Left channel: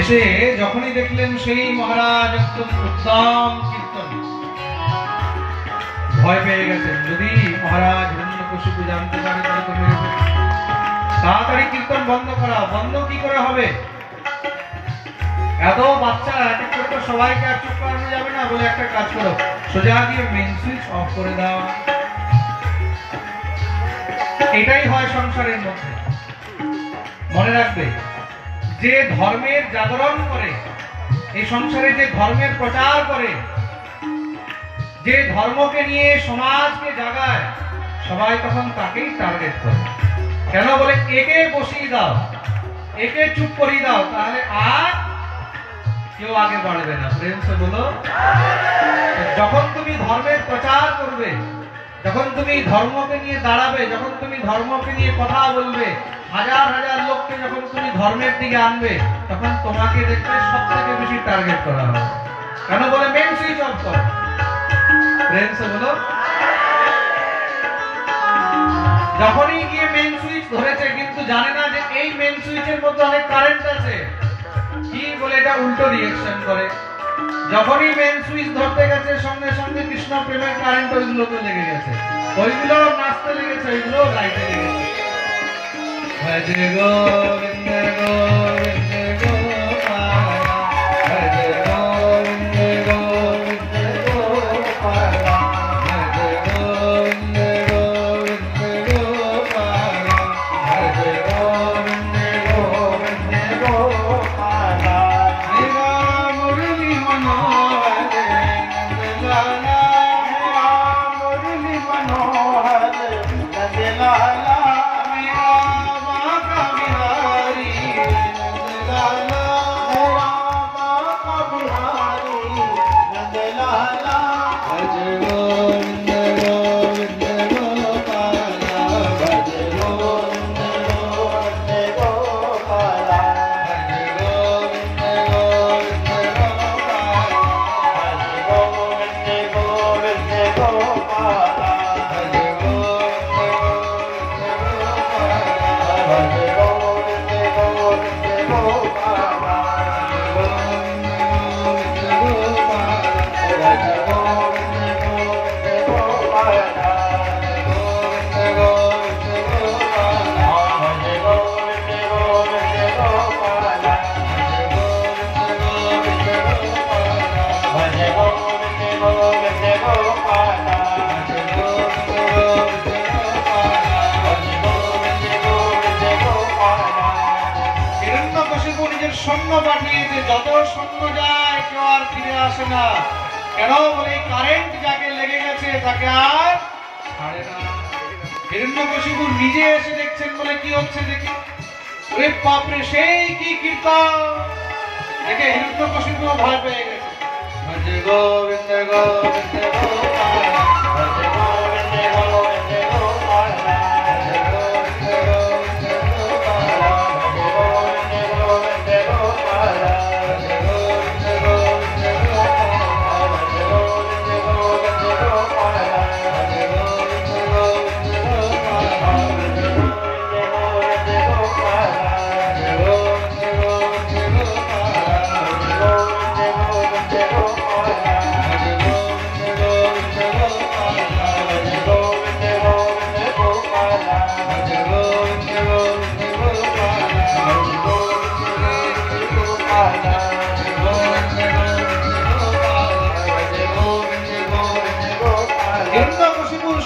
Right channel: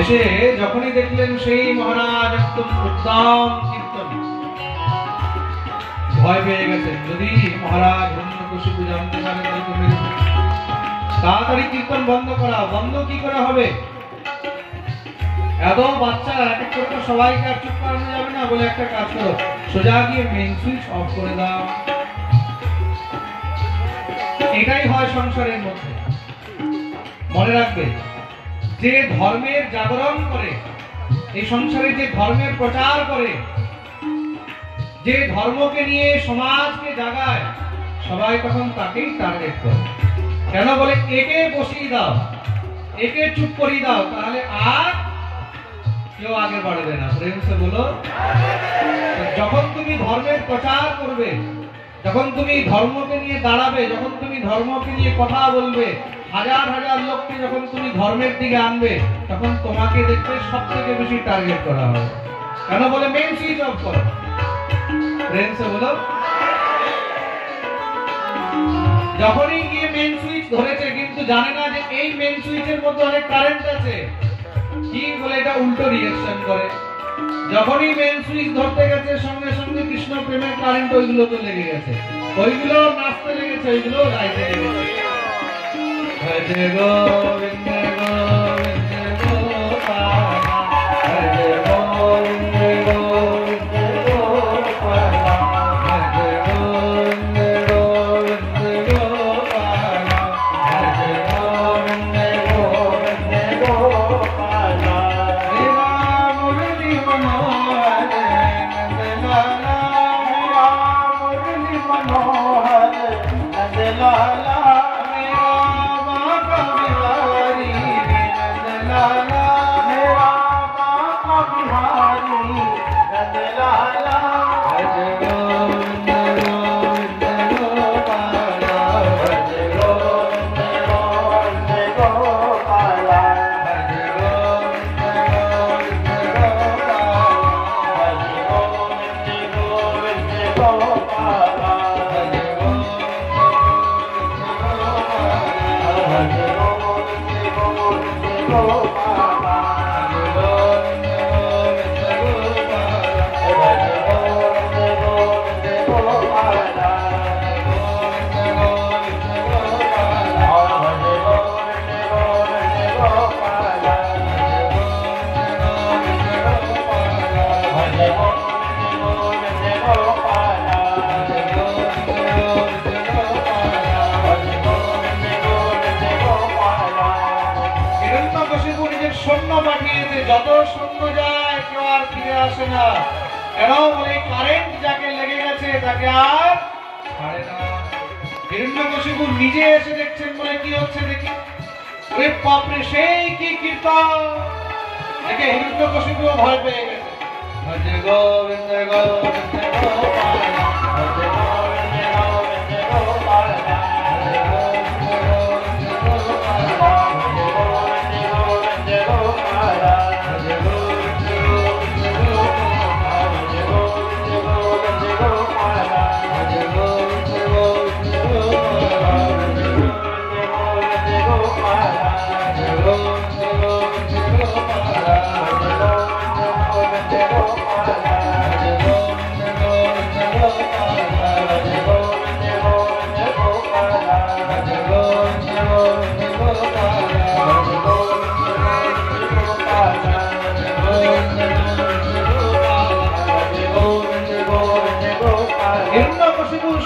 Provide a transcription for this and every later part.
এসে যখনই দেখলেন সেই মহারাজ একদম উত্তম কীর্তন, ভয় পেয়ে গেছেন, যদি মহারাজ হিরণ্যকশিপু জানতে পারে তাহলে তো মেরে ফেলবে। তাড়াতাড়ি কীর্তন বন্ধ করা। বন্ধ কি করে হবে? এত বাচ্চারা এক এক করে তো সবাইকে আর চুপ করানো যাবে না, বলে একটা কাজ করো, সোজা গিয়ে মেন সুইচ অফ করে দাও। এটাই হয় সংসারের মধ্যে। মনে রাখবে, যে ধর্মের জাগরণ করে, এই সংসারে যে ধর্মের প্রচার করে, যে ধর্মকে নিয়ে সমাজকে জাগায়, সবাই তখন তাকেই টার্গেট করে। কেন বলে, একে বসিয়ে দাও, একে চুপ করিয়ে দাও, তাহলে আর কেউ আগে বাড়বে না। প্রেম সে বলো। যখন তুমি ধর্মের প্রচার করবে, যখন তুমি ধর্মকে নিয়ে দাঁড়াবে, যখন তুমি ধর্মকে নিয়ে কথা বলবে, হাজার হাজার লোককে যখন তুমি ধর্মের দিকে আনবে, তখন তোমাকে দেখতে সব থেকে বেশি টার্গেট করা হবে। কেন বলে, মেন সুইচ অফ করো। প্রেম সে বলো। যখনই গিয়ে মেন সুইচ ধরেছে, কিন্তু জানে না যে এই মেন সুইচের মধ্যে অনেক কারেন্ট আছে, কি বলে এটা উল্টো রিঅ্যাকশন করে। যখনই মেন সুইচ ধরতে গেছে, সঙ্গে সঙ্গে কৃষ্ণ প্রেমের কারেন্ট ওইগুলোতে লেগে গেছে, ওইগুলো নাচতে লেগেছে, ওইগুলো লাইটে লেগেছে। ভজ গোবিন্দ গোবিন্দ গোপাল, ভজ গোবিন্দ গোবিন্দ গোপাল, ভজ গোবিন্দ গোবিন্দ গোপাল, ভজ গোবিন্দ গোবিন্দ গোপাল। শ্রী রাম মুরলী মনোহর নন্দলালা, সৈন্য পাঠিয়েছে, যত সৈন্য যায় কেউ আর ফিরে আসে না। কেন বলে কারেন্ট যাকে লেগে গেছে তাকে আর ছাড়ে না। হিরণ্যকশিপু নিজে এসে দেখছেন বলে কি হচ্ছে দেখি, ওরে বাপরে সেই কি কীর্তন দেখে হিরণ্যকশিপু ভয় পেয়ে গেছে। ভজ গোবিন্দ গোবিন্দ গোপাল, ভজ গোবিন্দ গোবিন্দ গোপাল, ভজ গোবিন্দ গোবিন্দ গোপাল, ভজ গোবিন্দ গোবিন্দ গোপাল, ভজ গোবিন্দ গোবিন্দ গোপাল, ভজ গোবিন্দ গোবিন্দ গোপাল, ভজ গোবিন্দ গোবিন্দ গোপাল, ভজ গোবিন্দ গোবিন্দ গোপাল, ভজ গোবিন্দ গোবিন্দ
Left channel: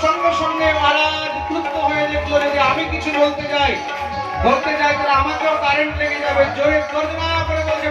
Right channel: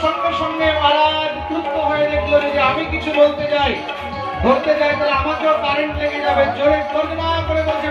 সঙ্গে সঙ্গে মহারাজ ক্রুদ্ধ হয়ে দেখলো যে আমি কিছু বলতে যাই ধরতে যাই তাহলে আমাকেও কারেন্ট লেগে যাবে। জোরে গর্জনা করে বলছে